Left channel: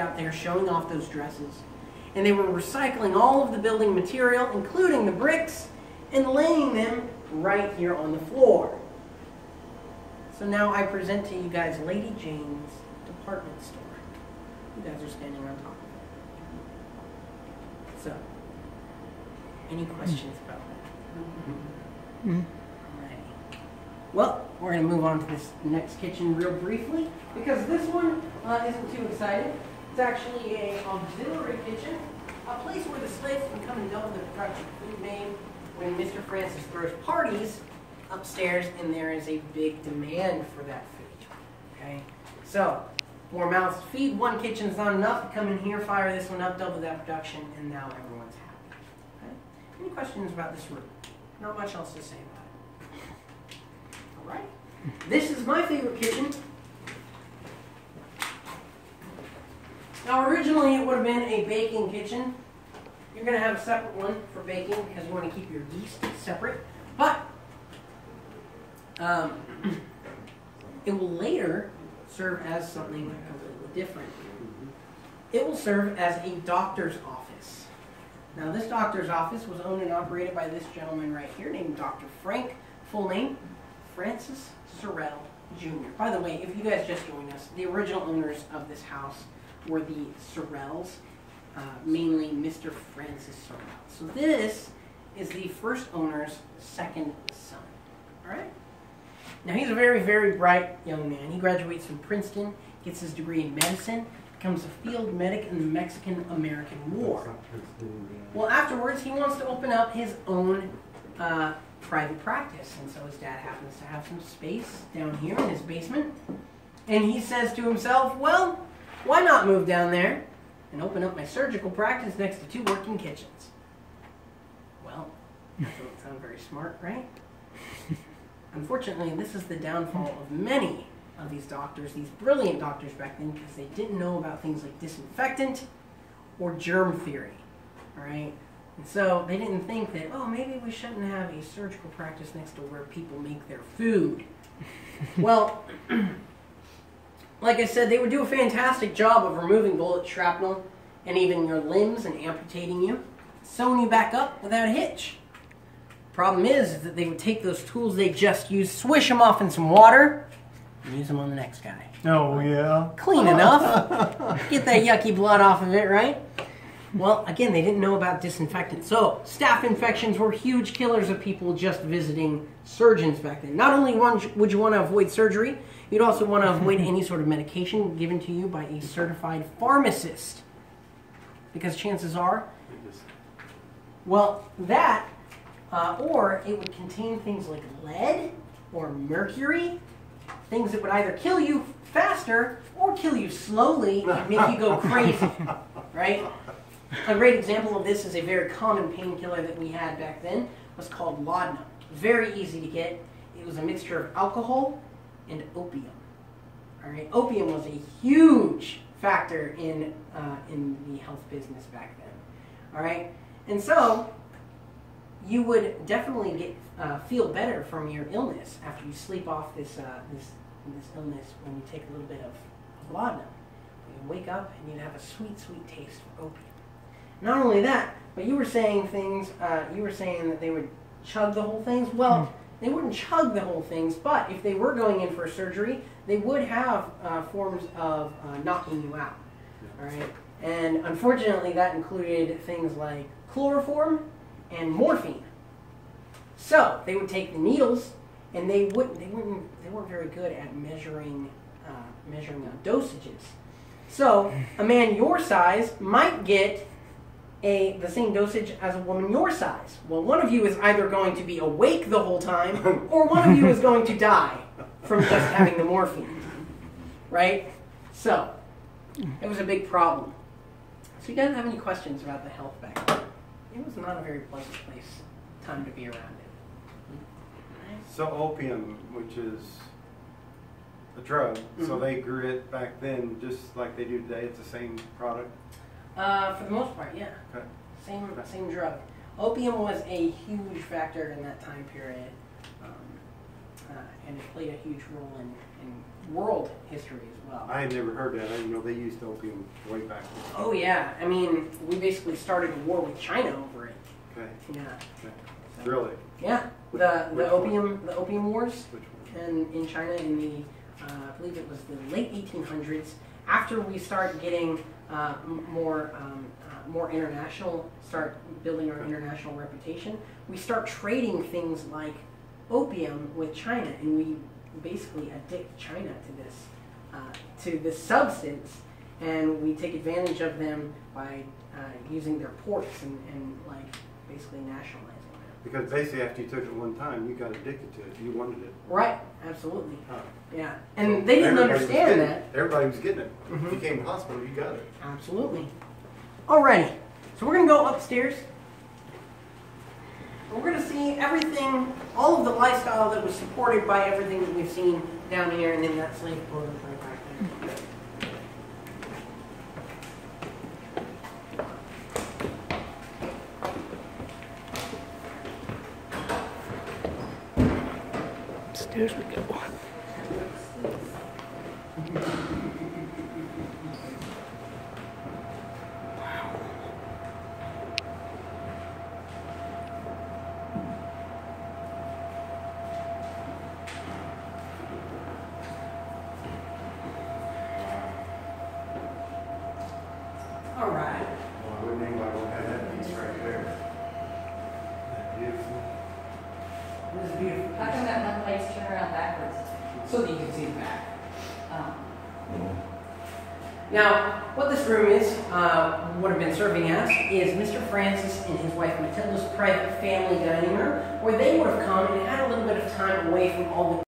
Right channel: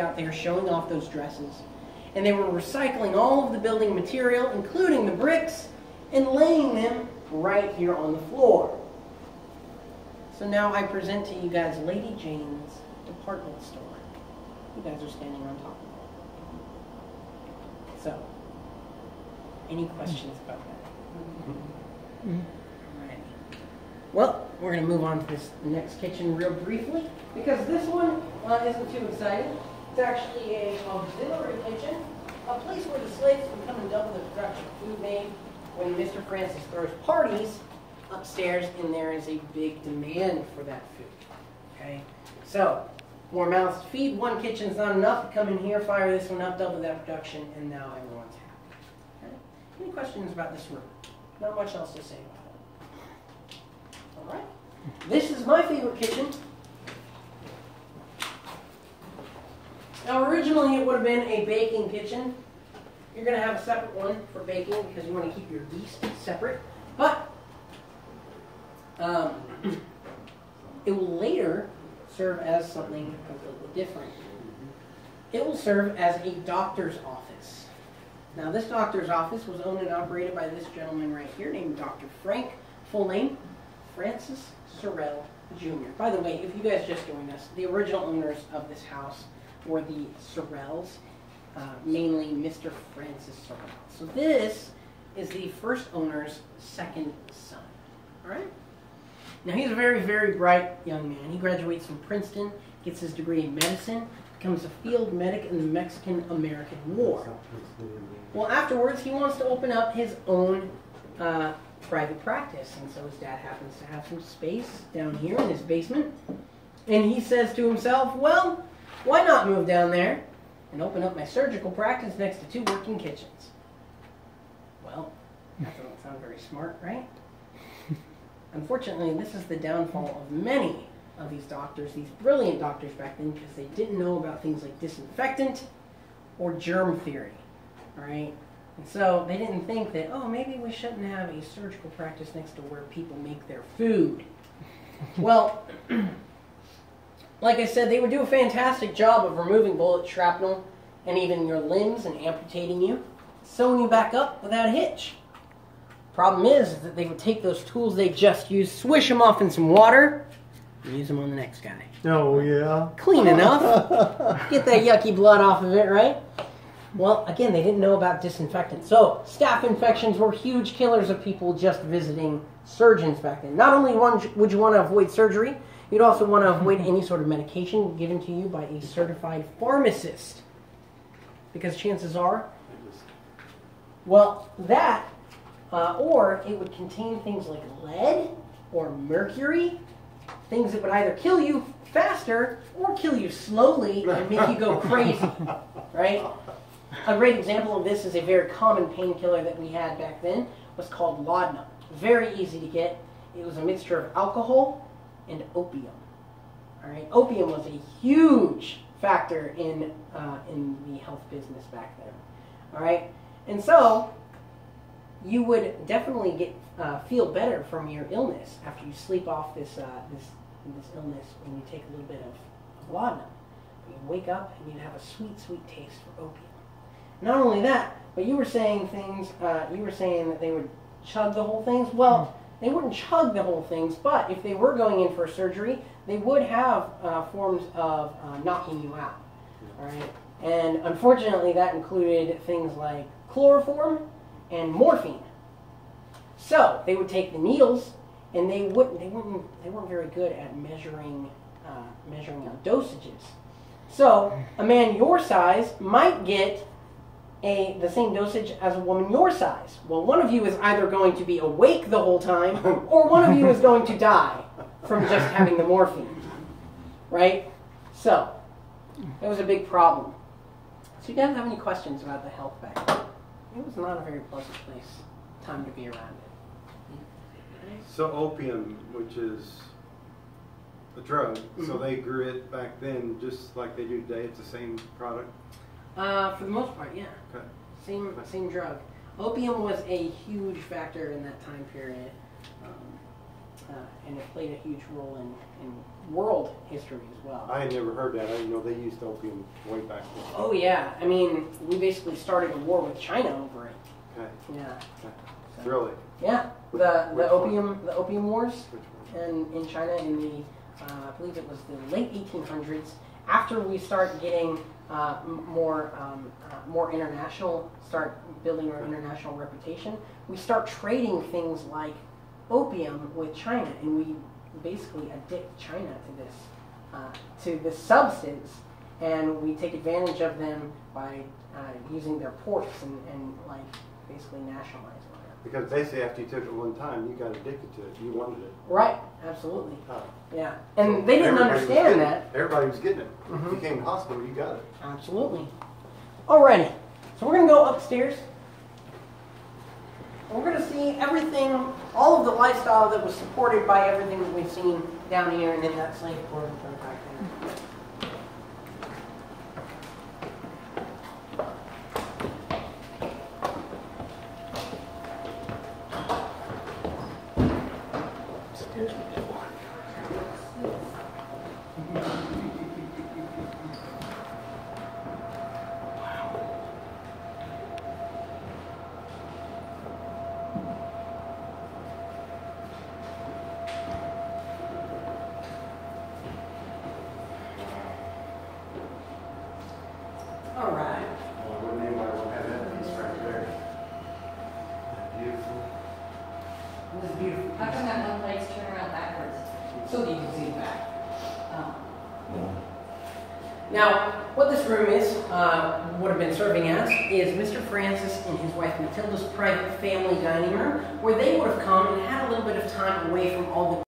out there showing off those dresses. And they were recycling all of the building material, including the bricks, and laying them right here on the floor. So now I present to you guys Lady Jane's department store. You guys are standing on top of it. So, any questions about that? Alrighty. Well, we're going to move on to this next kitchen real briefly, because this one isn't too exciting. It's actually an auxiliary kitchen, a place where the slaves can come and double the production of food made when Mr. Francis throws parties upstairs and there is a big demand for that food. Okay? So, 4 mouths to feed, 1 kitchen's not enough. Come in here, fire this one up, double that production, and now everyone's happy. Okay? Any questions about this room? Not much else to say about it. Alright? This is my favorite kitchen. Now originally it would have been a baking kitchen. You're going to have a separate one for baking because you want to keep your yeast separate. But it will later serve as something completely different. It will serve as a doctor's office. Now this doctor's office was owned and operated by this gentleman right here named Dr. Frank, full name, Francis Sorrel Jr. By the way, if you guys just joined us, the original owners of this house were the Sorrels, mainly Mr. Francis Sorrel. So this is the first owner's second son. All right? Now he's a very, very bright young man. He graduates from Princeton, gets his degree in medicine, becomes a field medic in the Mexican-American War. Well, afterwards, he wants to open up his own private practice, and so his dad happens to have some space down here in his basement, and he says to himself, well, why not move down there and open up my surgical practice next to 2 working kitchens? Well, that doesn't sound very smart, right? Unfortunately, this is the downfall of many of these doctors, these brilliant doctors back then, because they didn't know about things like disinfectant or germ theory, all right? And so they didn't think that, oh, maybe we shouldn't have a surgical practice next to where people make their food. Well, like I said, they would do a fantastic job of removing bullet shrapnel and even your limbs and amputating you, sewing you back up without a hitch. Problem is that they would take those tools they just used, swish them off in some water, and use them on the next guy. Oh, yeah. Clean enough. Get that yucky blood off of it, right? Well, again, they didn't know about disinfectant. So, staph infections were huge killers of people just visiting surgeons back then. Not only would you want to avoid surgery, you'd also want to avoid any sort of medication given to you by a certified pharmacist. Because chances are, well, that, or it would contain things like lead or mercury, things that would either kill you faster or kill you slowly and make you go crazy, right? A great example of this is a very common painkiller that we had back then was called laudanum. Very easy to get. It was a mixture of alcohol and opium. All right, opium was a huge factor in the health business back then. All right, and so you would definitely get feel better from your illness after you sleep off this illness when you take a little bit of laudanum. You'd wake up and you'd have a sweet, sweet taste for opium. Not only that, but you were saying things. You were saying that they would chug the whole things. Well, they wouldn't chug the whole things, but if they were going in for surgery, they would have forms of knocking you out. All right, and unfortunately, that included things like chloroform and morphine. So they would take the needles, and they weren't very good at measuring out dosages. So a man your size might get the same dosage as a woman your size. Well, one of you is either going to be awake the whole time, or one of you is going to die from just having the morphine, right? So, that was a big problem. So you guys have any questions about the health back then? It was not a very pleasant time to be around it. So opium, which is a drug, so they grew it back then just like they do today. It's the same product? For the most part, yeah. Okay. Same drug. Opium was a huge factor in that time period. and it played a huge role in world history as well. I had never heard that. I didn't know they used opium way back then. Oh yeah, I mean, we basically started a war with China over it. Okay. Yeah. Okay. So, Really? yeah. Which The opium wars Which one? in China in the I believe it was the late 1800s. After we start getting more international, start building our international reputation, we start trading things like opium with China, and we basically addict China to this substance, and we take advantage of them by using their ports and like basically nationalize them. Because basically after you took it one time, you got addicted to it. You wanted it. Right, absolutely. Huh. Yeah, and they didn't understand that. Everybody was getting it. Mhm. If you came to the hospital, you got it. Absolutely. Alrighty, so we're going to go upstairs. We're going to see everything, all of the lifestyle that was supported by everything that we've seen down here and in that slave quarter right back there. Upstairs we go. All right. Well, I wouldn't anybody want to have that piece right there. Beautiful. This is beautiful. How come that one plate's turned around backwards? So that you can see the back. Oh. Now, what this room is, would have been serving as, is Mr. Francis and his wife Matilda's private family dining room, where they would have come and had a little bit of time away from all the